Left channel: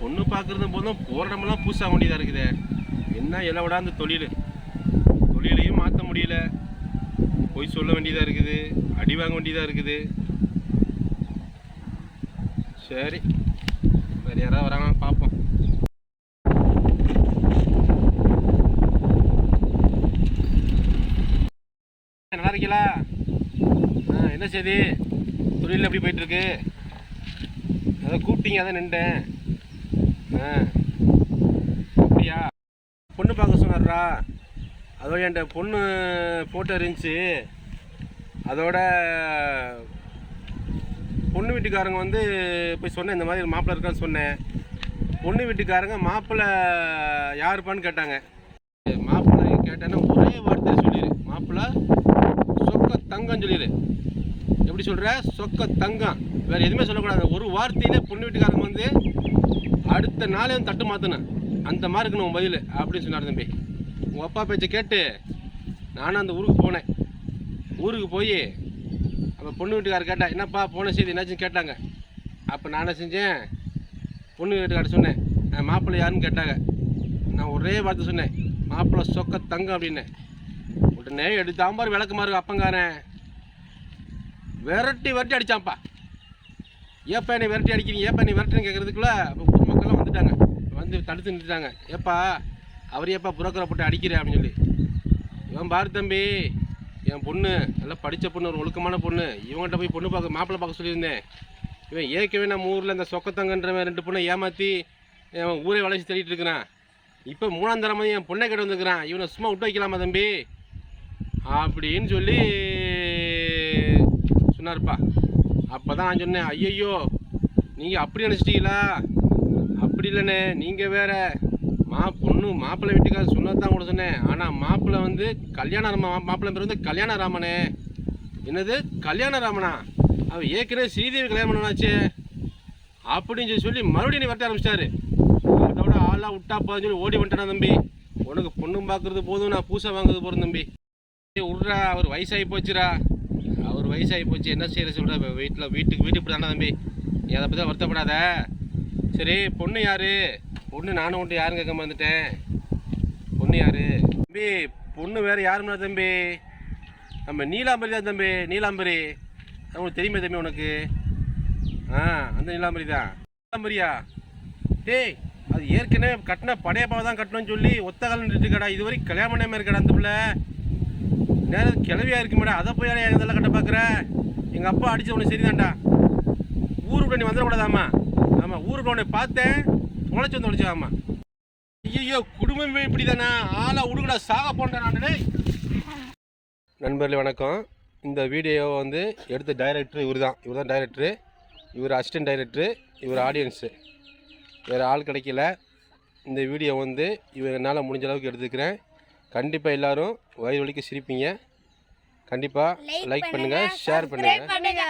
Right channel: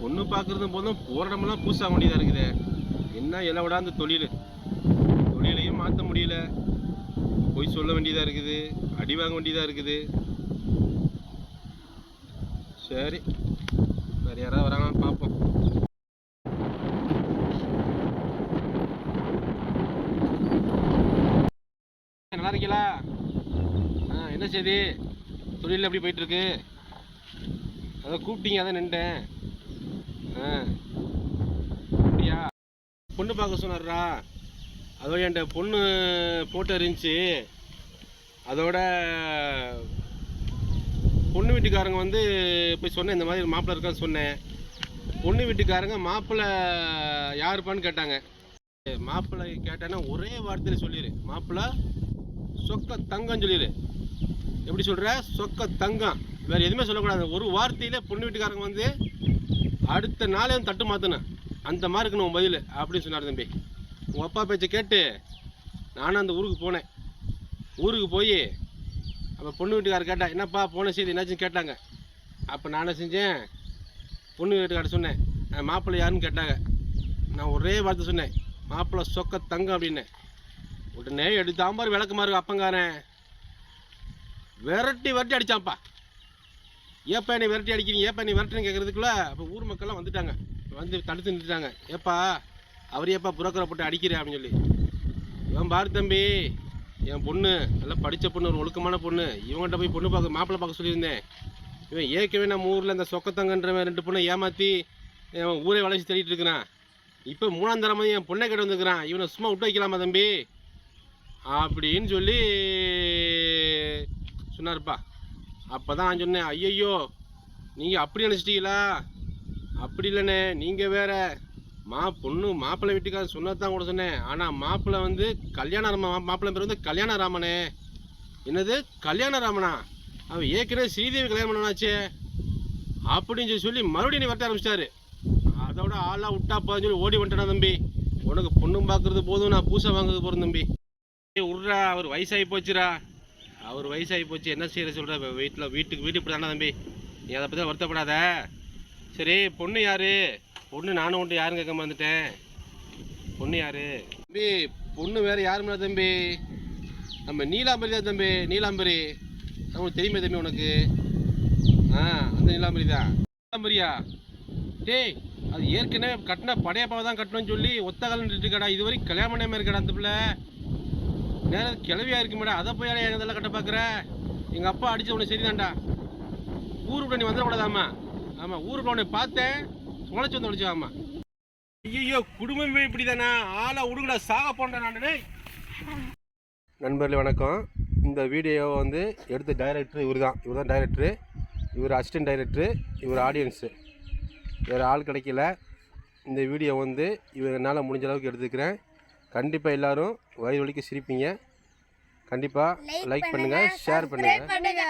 பொண்ணு பார்க்குறது போதும் போகிற இடமெல்லாம் பூசாக வேண்டியதாக இருக்குது. என்ன இலை விடாந்த தொழில். தொழிலையும் மாற்ற முடியல. போய் சொல்ல வேண்டியதாக இருக்குது. அடி வாங்க வேண்டியதாக இருக்குது. சரி. வேறு யாராவது வராங்கன்னு பார்ப்போம். நல்லா இருக்கீங்களா? ஆ என்ன செய்தி? தொழில் எப்படி போயிட்டுருக்கு அதை கூப்பிட்டீங்க அதான் நின்றேன் ஆ. அப்படியா? பொண்ணு பார்க்க சொன்னார்ரா. அதோட என்கிட்ட பொண்ணு ஃபோட்டோ இருந்துச்சு. அதோட பொண்ணு வீட்டுக்காரங்க வந்து போய் சொன்னேன் இந்த மாதிரி மாப்பிள்ளை இருக்கான்னு சொன்னேன். பொண்ணு வீட்டுக்காரங்க மாப்பிள்ளை யாருப்பான்னு கேட்டாங்க. மாப்பிள்ளை கேட்டேன்னா ஒரே வார்த்தை சொல்லிடு மாப்பிள்ளை சொக்க தங்கம் சொல்லிடு எப்படி சொல்கிற சொக்க தங்கம். வேறு எதுவுமே சொல்லக்கூடாது. ஒரு வார்த்தையிலே பொண்ணு வீட்டுக்காரங்க வந்து அடுத்த நாளே தட்டு மாற்றணும் அந்த மாதிரி இருக்கணும் உன் பதில் அப்படின்னு சொன்னார் தம்பி. உங்கள் அப்பா பேச்சை கேட்டு நானும் அந்த ஊருக்கு போனேன். ஊருக்கு போய் அப்போ பொண்ணு வீட்டுக்காரர் கேட்டேன் என்னப்பா போன செய்தி என்னாச்சுன்னு கேட்டாங்க. அப்போ நானே செஞ்சேன்? பொண்ணு வீட்டுக்காரர் சொன்னேன் மாப்பிள்ளை யாருன்னு கேட்டாங்க. நான் ஒரே வார்த்தை சொன்னேன் மாப்பிள்ளை சொக்க தங்கம் அப்படின்னேன் உடனே எடுத்தாம்பார் விளக்கமா இருக்கு அப்பங்காரன். விரட்டி விரட்டி அடிச்சான்ப்பா. ஏப்பா என்னை விரட்டி அடிக்கிறீங்க? ஏப்பா நீ விரட்டுன்னு கேட்குறதுக்குள்ள அப்போ ஊர் மக்கள்லாம் வந்துட்டாங்க. வந்து தடுத்து நிறுத்திட்டாங்க. ஏப்பா அவர் ஏப்பா புரோக்கரை போட்டு அடிக்கிற அப்படின்னு சொல்லி. இவன் பாரு தம்பி என் பொண்ணு நல்லா படித்த பொண்ணு ஒரு ஒழுக்கமான பொண்ணு. இவங்கள்ட்ட போய் பொண்ணு பார்க்க மாப்பிள்ளை பார்க்க சொல்லியிருந்தேன். இவன் ஏற்கனவே நம்ம ஊரில் இந்த சொக்கத்தங்கன்றவன் ரெண்டு பொண்ணை ஏமாற்றி அவன் ஊரே வளைச்சி தேடிட்டு இருக்கிறான். இப்போ மூணாம் தரமாக என் பொண்ணை கிட்ட வந்துருக்கிறான். இவனை சும்மா விட்டு வைக்கலாமா தம்பி? அப்படின்னு சொல்லி சொன்னார்ப்பா. அப்போ தான் நான் சொன்னேன் ஐயையோ நீங்கள் அப்படி நினச்சிட்டீங்களா? அப்படி இல்லைண்ணே நீங்கள் வேற. மா பொண்ணு மாப்பிள்ளை வீட்டுக்காரர் சொன்னது தான் கூட சொன்னேன். ஆனால் மாப்பிள்ளை வந்து கல்யாண ராம மாப்பிள்ளை பேர் வந்து கல்யாண ராமனே என்னது? கல்யாண ராமனா அவன் ஏற்கனவே ஸ்ரீதேவி கல்யாணம் பண்ணாச்சே அப்படின்னு சொல்லி சொல்லி மறுபடியும் நீ வரட்ட ஆரம்பிச்சிட்டாரு. அதோட ஆளாக விட்டா சொல்லி ஓடி வந்துட்டானா தம்பி. உனக்கு பொண்ணும் பார்க்குறது போதும் நான் பூசை வாங்குறது போகிறேன் தம்பி. ஏய், விட்றா அவர் வயசாகி போச்சுடா. ஒரு வயசாகி போச்சு என்ன செய்யற சொல்கிற வீட்டில் வீட்டுக்கு வீட்டுக்கு இப்படி தானே தம்பி. நீ அதை பற்றி வருத்தப்படாத. சரி பொண்ணு யாரு? பொண்ணு நானும் உன்ட்டு யாரும் கேட்க வந்துட்டேன். பொண்ணு யார்? தம்பி பொண்ணு வேறு யாரும் தம்பி? நம்ம நீலாம்பரி தான் தம்பி நீலாம்பரி. அது உனக்கு தெரியுமே தம்பி உனக்கு. ஆ அந்த நீலாம்பரி தான். நீலாம்பரியா? டேய் அது ஏற்கனவே கட்டின படையப்பாவை தான் கட்டணும்னு சொல்லி ஒத்த காலம் இருக்கடா. இது வரைக்கும் கல்யாணம் பண்ணாமல் இருக்கடா அந்த பிள்ளை. நேரம் கிளவியா இருக்கு மேடம் அதை போய் எங்கள் இதெல்லாம் கட்ட பார்க்குற எங்கள் அப்பா அடித்த உனக்கு சரிதான்டா. ஊருக்கு நீ வந்துடக்கூடாதாம்மா. ஆமாம் ஊருக்கு உன்னை பார்த்தேன். தொலைச்சி வந்து தொலைச்சாமா ஐயோ குடும்பமே இப்படி தானே ஆளை உடுங்கடா சாக போன்றேன் நான். நண்பர்களே வணக்கம். இந்த வீடியோவை வந்து எடுத்த டைரக்டர் இவர் தான் இவர் தான் டைரக்டரு இவர் அசிஸ்டன்ட் டைரக்டரு இவர் ஆடியன்ஸு வேறு ஆள் கிடைக்கல. இந்த வீடியோ வந்து இவர் என்னால் முடிஞ்ச அளவுக்கு எடுத்துக்கிறேன். கண்டிப்பாக எல்லாரும் வயிறு வலிக்க சிரிப்பீங்க. கண்டிப்பாக லைக் பண்ணுங்கள் ஷேர் பண்ணுங்கள் பண்ணுங்க.